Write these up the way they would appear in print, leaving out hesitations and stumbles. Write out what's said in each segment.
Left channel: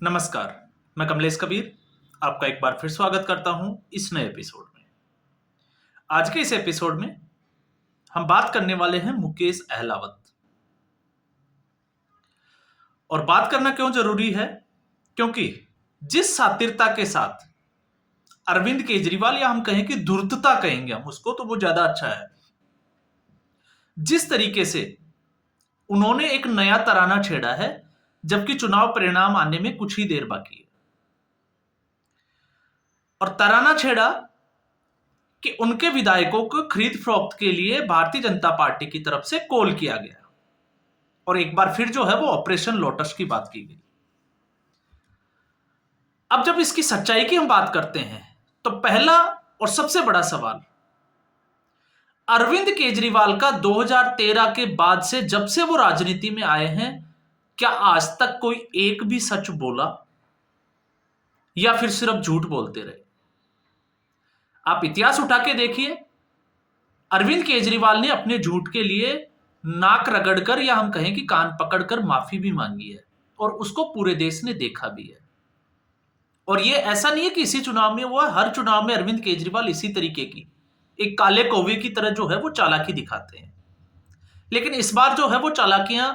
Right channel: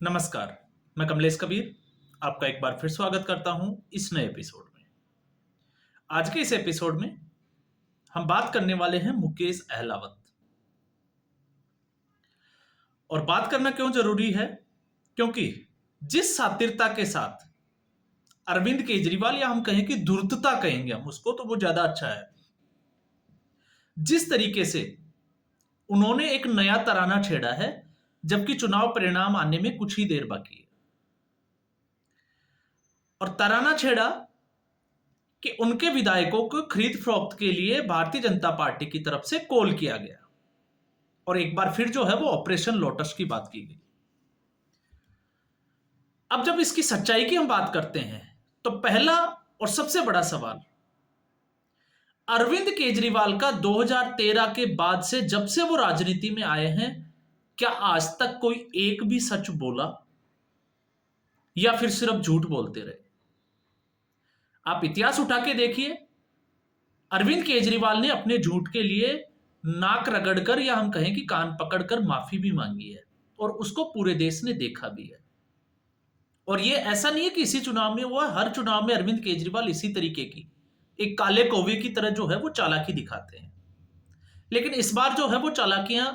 नमस्कार। मैं कमलेश कबीर आपका एक बार फिर स्वागत करता हूं इस नए एपिसोड में। आज के इस एपिसोड में हम बात करने वाले हैं मुकेश अहलावत। और बात करना क्यों जरूरी है? क्योंकि जिस शातिरता के साथ अरविंद केजरीवाल, या हम कहें कि धूर्तता कहेंगे हम उसको, तो वो ज्यादा अच्छा है, जिस तरीके से उन्होंने एक नया तराना छेड़ा है जबकि चुनाव परिणाम आने में कुछ ही देर बाकी है, और तराना छेड़ा कि उनके विधायकों को खरीद फरोख्त के लिए भारतीय जनता पार्टी की तरफ से कॉल किया गया, और एक बार फिर जो है वो ऑपरेशन लोटस की बात की गई। अब जब इसकी सच्चाई की हम बात करते हैं तो पहला और सबसे बड़ा सवाल, अरविंद केजरीवाल का 2013 के बाद से, जब से वो राजनीति में आए हैं, क्या आज तक कोई एक भी सच बोला या फिर सिर्फ झूठ बोलते रहे? आप इतिहास उठा के देखिए, अरविंद केजरीवाल ने अपने झूठ के लिए नाक रगड़कर, या हम कहें कि कान पकड़कर माफी भी मांगी है, और उसको पूरे देश ने देखा भी है। और ये ऐसा नहीं है कि इसी चुनाव में हुआ, हर चुनाव में अरविंद केजरीवाल इसी तरीके की एक काले कौवे की तरह जो है वो चालाकी दिखाते हैं। लेकिन इस बार जो है वो चालाकियां,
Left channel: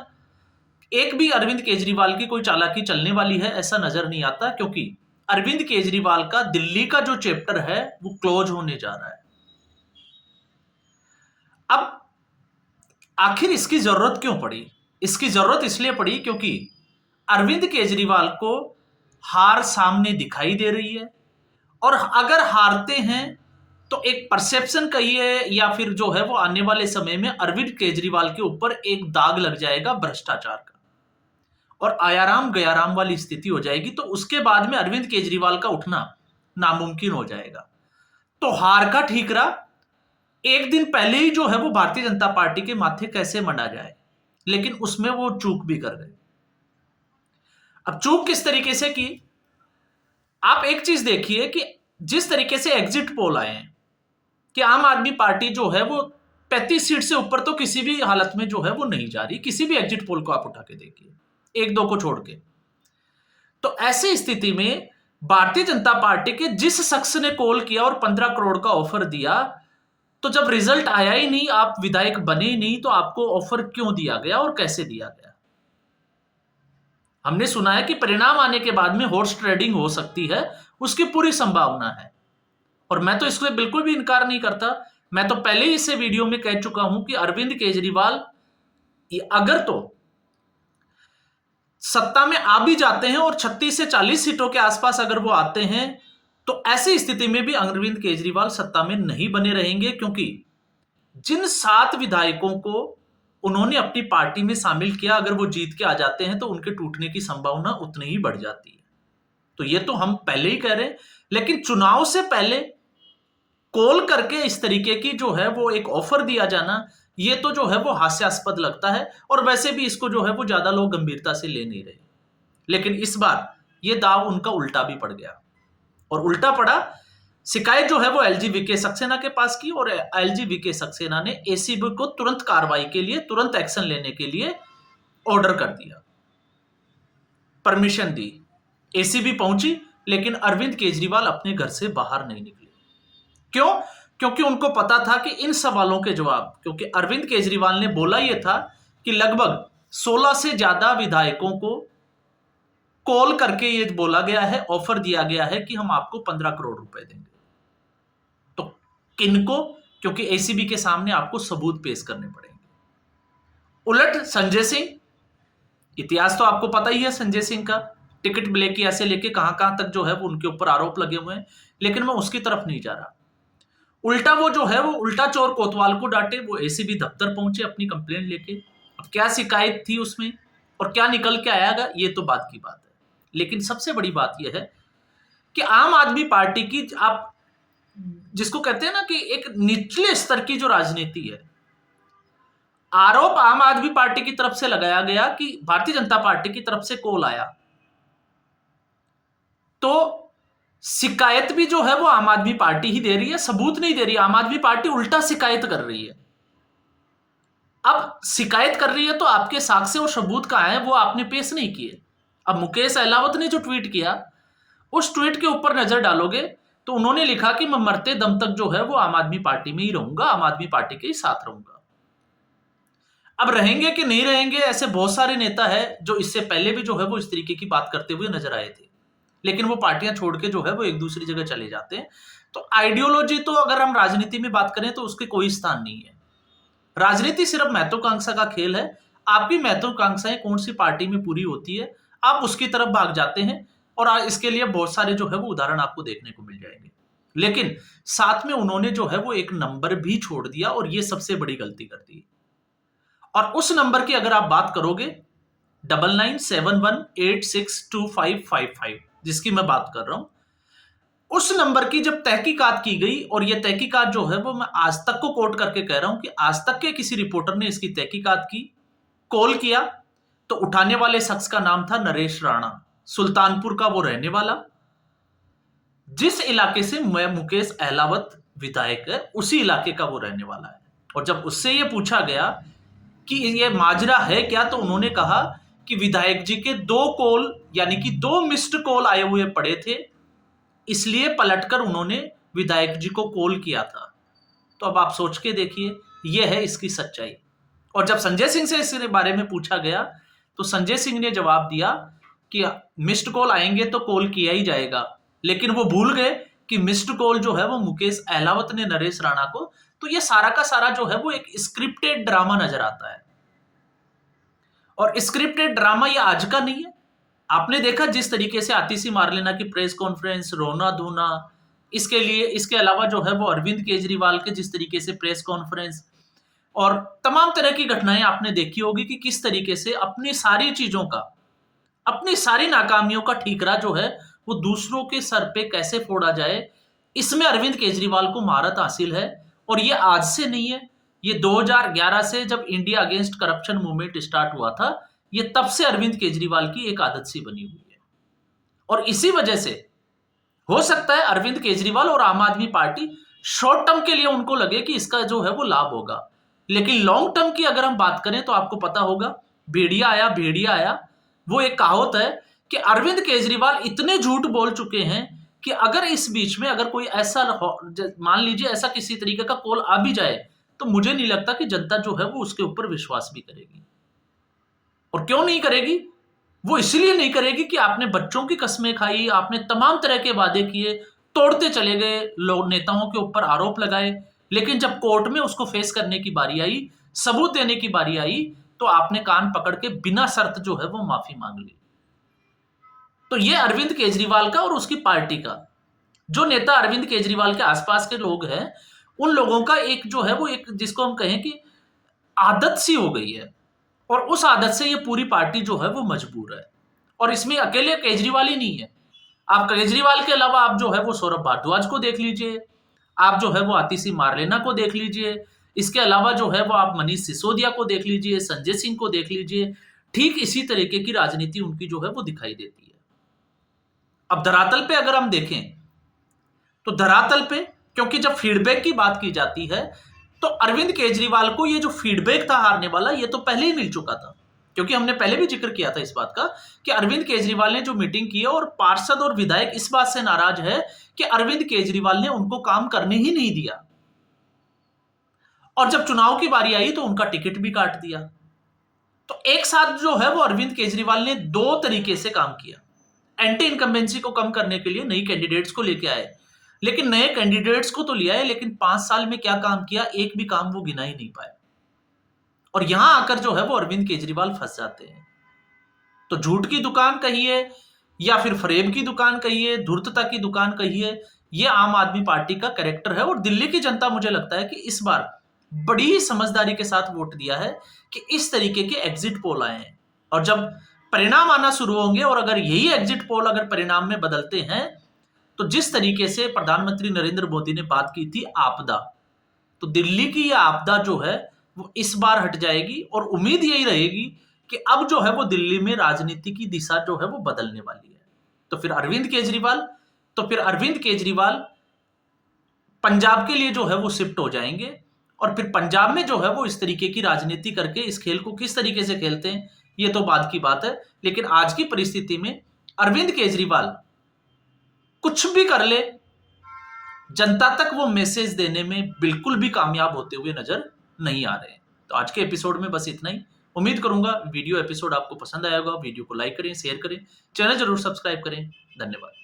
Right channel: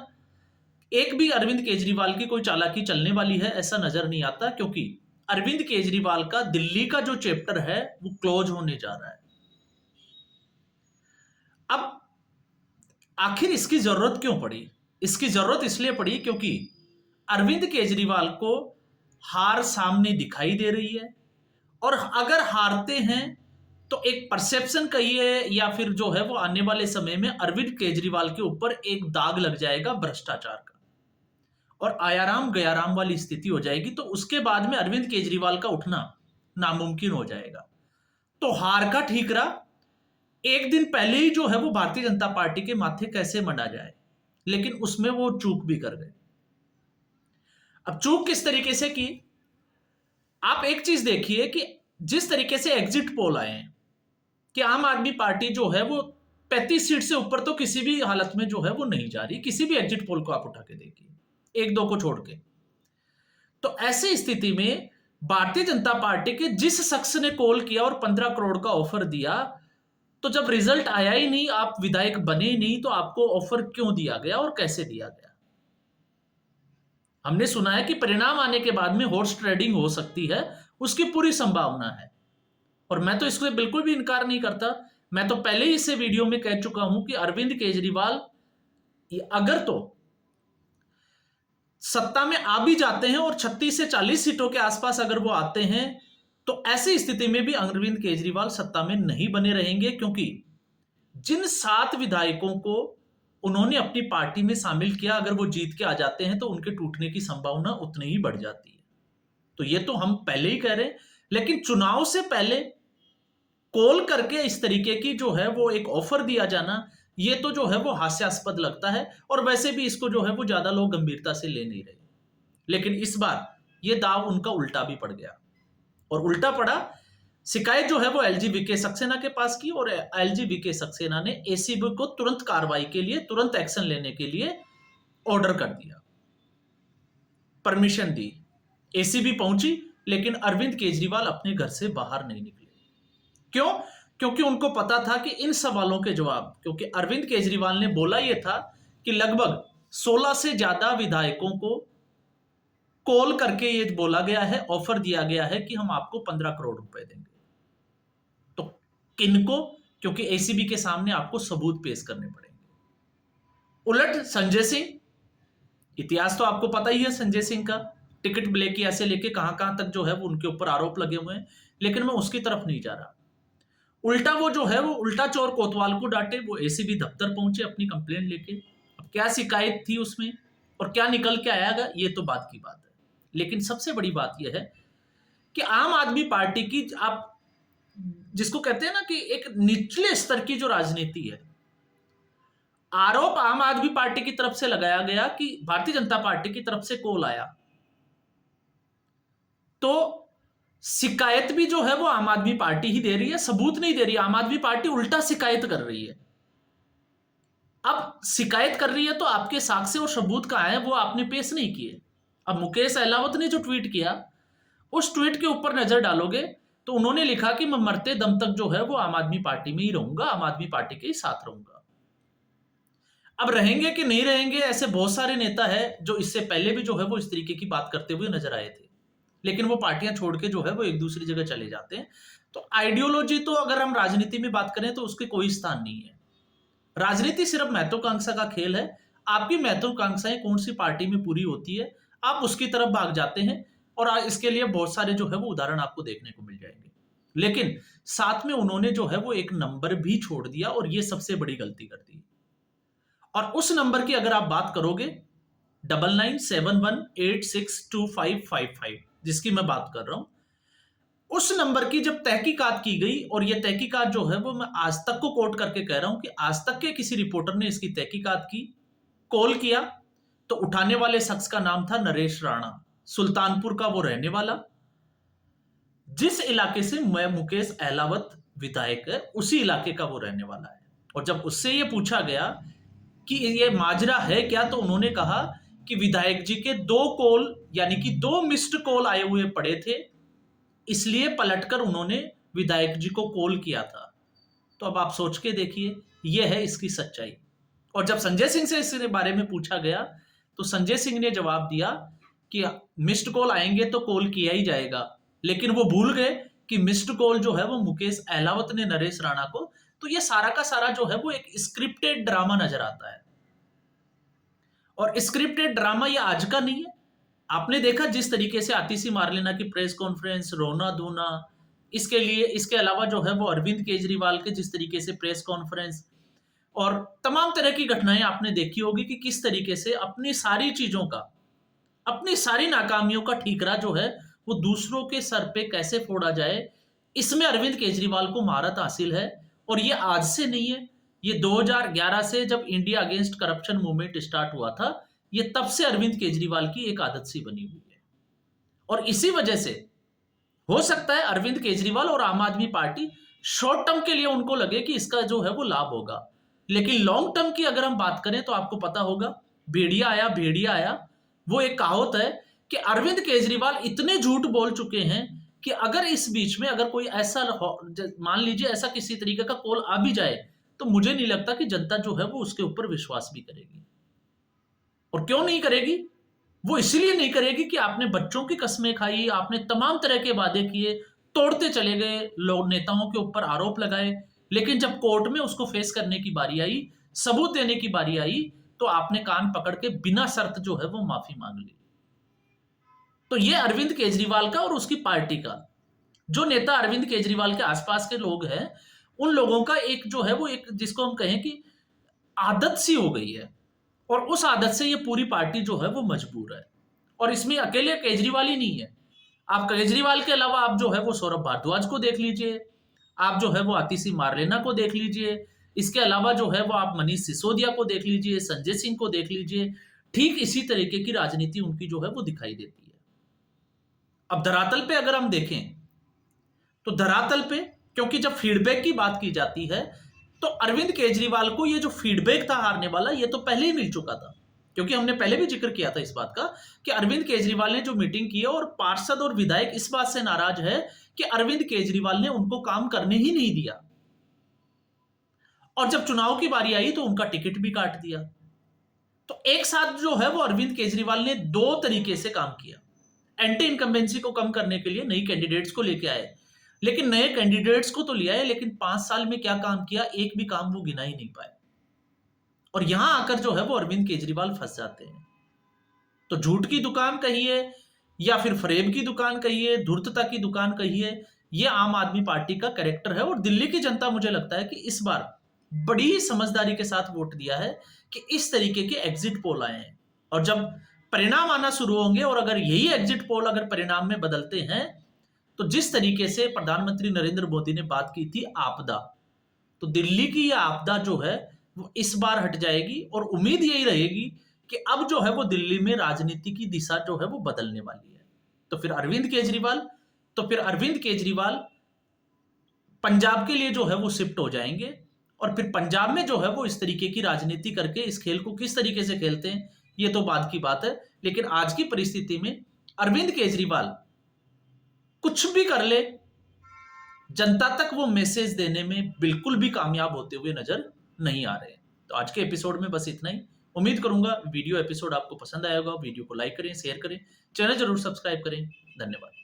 एक भी अरविंद केजरीवाल की कोई चालाकी चलने वाली है ऐसा नजर नहीं आता, क्योंकि अरविंद केजरीवाल का दिल्ली का जो चैप्टर है वो क्लोज होने जा रहा है। अब आखिर इसकी जरूरत क्यों पड़ी? इसकी जरूरत इसलिए पड़ी क्योंकि अरविंद केजरीवाल को हार सामने दिखाई दे रही है, और अगर हारते हैं तो एक परसेप्शन कहिए या फिर जो है वो आने वाले समय में अरविंद केजरीवाल के ऊपर एक दाग लग जाएगा भ्रष्टाचार का, और आयाराम गयाराम वाली स्थिति हो जाएगी। तो उसके बाद में अरविंद केजरीवाल का उठना नामुमकिन हो जाएगा। तो हार का ठीकरा एक दिन पहले ही जो है वो भारतीय जनता पार्टी के माथे कैसे मना जाए, लेकिन उसमें वो चूक भी कर गए। अब चूक किस तरीके से की? आप एक चीज देखिए कि जिस तरीके से एग्जिट पोल आए हैं कि आम आदमी पार्टी जो है वो 35 सीट से ऊपर तो किसी भी हालत में जो है वो नहीं जा रही, किसी भी एग्जिट पोल को आप उठा के देखिए, एक दो को छोड़ के। तो ऐसी स्थिति में भारतीय जनता पार्टी के जिस शख्स ने कॉल किया और 15 करोड़ का ऑफर दिया, तो जब रिजल्ट आया ही नहीं, आप विधायक बने ही नहीं, तो आपको ऑफर क्यों दिया गया और कैसे दिया गया? हमने सुना है कि परिणाम आने के बाद में हॉर्स ट्रेडिंग हो सकती है, उसकी पूरी संभावना है, और मैं तो इसको बिल्कुल भी इनकार नहीं करता। मैं तो पहले ही इसे वीडियो में कह चुका हूं कि अरविंद केजरीवाल अगर तो सत्ता में आ भी जाते हैं और 36 से 40 सीटों के आसपास अगर वो आते हैं, तो ऐसी स्थिति में भी अरविंद केजरीवाल सत्ता में नहीं बने रहेंगे, क्योंकि जिन 7 विधायकों को उन्होंने अपनी पार्टी में शामिल किया, अगर वो जीत के आ जाते हैं तो उनके टूटने की संभावना उतनी ही बढ़ जाती है। तो ये तो हम पहले ही कह रहे हैं, लेकिन चुनाव से पहले कॉल करके इस तरीके की जो है वो एक ऑफर दिया जाना, ये तो जो है वो हास्यास्पद लगता है, और वैसे भी इसको जो है वो ज्यादा लोग गंभीरता से ले नहीं रहे। लेकिन इस बार ये दाव उनका उल्टा भी पड़ गया, और उल्टा पड़ा, शिकायत जो है वो एलजी वीके सक्सेना के पास की, और एलजी वीके सक्सेना ने एसीबी को तुरंत कार्रवाई के लिए, तुरंत एक्शन लेने के लिए ऑर्डर कर दिया, परमिशन दी। एसीबी पहुंची, लेकिन अरविंद केजरीवाल अपने घर से बाहर नहीं निकले। क्यों? क्योंकि उनको पता था कि इन सवालों के जवाब, क्योंकि अरविंद केजरीवाल ने बोला यह था कि लगभग 16 से ज्यादा विधायकों को कॉल करके ये बोला गया है, ऑफर दिया गया है कि हम आपको 15 करोड़ रुपए देंगे। तो किनको? क्योंकि एसीबी के सामने आपको सबूत पेश करने पड़ेंगे। उलट संजय सिंह, इतिहास तो आपको पता ही है संजय सिंह का, टिकट ब्लैकी ऐसे लेके कहां कहां तक जो है वो उनके ऊपर आरोप लगे हुए हैं, लेकिन मैं उसकी तरफ नहीं जा रहा। उल्टा वो जो है वो उल्टा चोर कोतवाल को डांटे, वो एसीबी दफ्तर पहुंचे अपनी कंप्लेंट लेके। अब क्या शिकायत थी उसमें और क्या निकल के आएगा, ये तो बात की बात है। लेकिन सबसे बड़ी बात यह है कि आम आदमी पार्टी की, आप जिसको कहते हैं ना कि एक निचले स्तर की जो राजनीति है, आरोप आम आदमी पार्टी की तरफ से लगाया गया कि भारतीय जनता पार्टी की तरफ से कॉल आया, तो शिकायत भी जो है वो आम आदमी पार्टी ही दे रही है, सबूत नहीं दे रही। आम आदमी पार्टी उल्टा शिकायत कर रही है। अब शिकायत कर रही है तो आपके साक्ष्य और सबूत कहां है, वो आपने पेश नहीं किए। अब मुकेश अहलावत ने जो ट्वीट किया, उस ट्वीट के ऊपर नजर डालोगे तो उन्होंने लिखा कि मैं मरते दम तक जो है वो आम आदमी पार्टी में ही रहूंगा, आम आदमी पार्टी के ही साथ रहूंगा। अब रहेंगे कि नहीं रहेंगे, ऐसे बहुत सारे नेता है जो इससे पहले भी जो है वो इस तरीके की बात करते हुए नजर आए थे, लेकिन वो पार्टियां छोड़ के जो है वो एक दूसरी जगह चले जाते हैं। तो आइडियोलॉजी तो अगर हम राजनीति में बात करें तो उसके कोई स्थान नहीं है। राजनीति सिर्फ महत्वाकांक्षा का खेल है। आपकी महत्वाकांक्षाएं कौन सी पार्टी में पूरी होती है, आप उसकी तरफ भाग जाते हैं, और इसके लिए बहुत सारे जो है वो उदाहरण आपको देखने को मिल जाएंगे। लेकिन साथ में उन्होंने जो है वो एक नंबर भी छोड़ दिया, और ये सबसे बड़ी गलती कर दी। और उस नंबर की अगर आप बात करोगे 9971862555, जिसकी मैं बात कर रहा हूं, उस नंबर की जब तहकीकात की गई, और ये तहकीकात जो है वो मैं आज तक को कोट करके कह रहा हूं कि आज तक के किसी रिपोर्टर ने इसकी तहकीकात की, कॉल किया, तो उठाने वाले शख्स का नाम था नरेश राणा, सुल्तानपुर का वो रहने वाला। जिस इलाके से मुकेश अहलावत विधायक है, उसी इलाके का वो रहने वाला है। और जब उससे ये पूछा गया कि ये माजरा है क्या, तो उन्होंने कहा कि विधायक जी के 2 कॉल, यानी कि 2 मिस्ड कॉल आए हुए पड़े थे, इसलिए पलटकर उन्होंने विधायक जी को कॉल किया था। तो अब आप सोच के देखिए, यह है इसकी सच्चाई। और जब संजय सिंह से इसके बारे में पूछा गया, तो संजय सिंह ने जवाब दिया कि मिस्ड कॉल आएंगे तो कॉल किया ही जाएगा, लेकिन वो भूल गए कि मिस्ड कॉल जो है वो मुकेश अहलावत ने नरेश राणा को। तो ये सारा का सारा जो है वो एक स्क्रिप्टेड ड्रामा नजर आता है, और स्क्रिप्टेड ड्रामा ये आज का नहीं है। आपने देखा जिस तरीके से आतिशी मारलेना की प्रेस कॉन्फ्रेंस, रोना धोना, इसके अलावा जो है वो अरविंद केजरीवाल के जिस तरीके से प्रेस कॉन्फ्रेंस, और तमाम तरह की घटनाएं आपने देखी होगी कि किस तरीके से अपनी सारी चीजों का, अपनी सारी नाकामियों का ठीकरा जो है वो दूसरों के सर पे कैसे फोड़ा जाए, इसमें अरविंद केजरीवाल को महारत हासिल है। और ये आज से नहीं है, ये 2011 से जब India against corruption movement start हुआ था, ये तब से अरविंद केजरीवाल की एक आदत सी बनी हुई है। और इसी वजह से हो सकता है अरविंद केजरीवाल और आम आदमी पार्टी शॉर्ट टर्म के लिए उनको लगे कि इसका जो है वो लाभ होगा, लेकिन लॉन्ग टर्म की अगर हम बात करें तो आपको पता होगा, भेड़िया आया भेड़िया आया। वो एक कहावत है कि अरविंद केजरीवाल इतने झूठ बोल चुके हैं कि अगर इस बीच में अगर कोई ऐसा, मान लीजिए ऐसा किसी तरीके का कॉल आ भी जाए, तो मुझे नहीं लगता कि जनता जो है वो उसके ऊपर विश्वास भी करेगी। और क्यों नहीं करेगी? वो इसलिए नहीं करेगी कि आपने बच्चों की कस्में खाई, आपने तमाम तरह के वादे किए, तोड़ते चले गए, लोग नेताओं के ऊपर आरोप लगाए, लेकिन जब कोर्ट में उसको फेस करने की बारी आई, सबूत देने की बारी आई, तो आपने कान पकड़ के बिना शर्त जो है वो माफी मांग ली। तो ये अरविंद केजरीवाल का और उसकी पार्टी का, जो नेता अरविंद केजरीवाल के आसपास के लोग हैं, उन लोगों का एक जो है वो एक, जिसको हम कहें कि आदत सी हो गई है, और उस आदत से ये पूरी पार्टी जो है वो मजबूर है। और इसमें अकेले केजरीवाल ही नहीं है, आप केजरीवाल के अलावा आप जो है वो सौरभ भारद्वाज को देख लीजिए, आप जो है वो आतिशी मारलेना को देख लीजिए, इसके अलावा जो है वो आप मनीष सिसोदिया को देख लीजिए, संजय सिंह को देख लीजिए। ठीक इसी तरीके की राजनीति उनकी जो है वो दिखाई देती है। अब धरातल पे अगर हम देखें, तो धरातल पे, क्योंकि जब फीडबैक की बात की जाती है, तो अरविंद केजरीवाल को ये जो फीडबैक था हारने वाला, ये तो पहले ही मिल चुका था, क्योंकि हमने पहले भी जिक्र किया था इस बात का कि अरविंद केजरीवाल ने जो मीटिंग की है, और पार्षद और विधायक इस बात से नाराज है कि अरविंद केजरीवाल ने उनको काम करने ही नहीं दिया, और जब चुनाव की बारी आई तो उनका टिकट भी काट दिया। तो एक साथ जो है वो अरविंद केजरीवाल ने 2 तरीके से काम किया। एंटी इनकम्बेंसी को कम करने के लिए नई कैंडिडेट्स को लेके आए, लेकिन नए कैंडिडेट्स को तो लिया है, लेकिन 5 साल में क्या काम किया, एक भी काम वो गिना ही नहीं पाए। और यहां आकर जो है वो अरविंद केजरीवाल फंस जाते हैं। तो झूठ की दुकान कहिए, या फिर फरेब की दुकान कहिए, धूर्तता की दुकान कहिए, ये आम आदमी पार्टी का कैरेक्टर है। और दिल्ली की जनता, मुझे लगता है कि इस बार बड़ी ही समझदारी के साथ वोट दिया है कि इस तरीके के एग्जिट पोल आए हैं। और जब परिणाम आना शुरू होंगे, और अगर यही एग्जिट पोल अगर परिणाम में बदलते हैं, तो जिस तरीके से प्रधानमंत्री नरेंद्र मोदी ने बात की थी आपदा, तो दिल्ली की यह आपदा जो है वो इस बार हट जाएगी। और उम्मीद यही रहेगी कि अब जो है वो दिल्ली में राजनीति की दिशा जो है वो बदलने वाली है। तो फिर अरविंद केजरीवाल पंजाब के लिए जो है वो शिफ्ट हो जाएंगे, और फिर पंजाब में जो है वो इस तरीके की राजनीति करके इस खेल को किस तरीके से खेलते हैं, ये तो बाद की बात है, लेकिन आज की परिस्थिति में अरविंद केजरीवाल कुछ भी कर ले, जनता तक वो मैसेज देने में बिल्कुल भी कामयाब होते हुए नजर नहीं आ रहे। तो आज के एपिसोड में बस इतना ही। उम्मीद करूंगा वीडियो एपिसोड आपको पसंद आया होगा। वीडियो को लाइक करें, शेयर करें, चैनल जरूर सब्सक्राइब करें। धन्यवाद।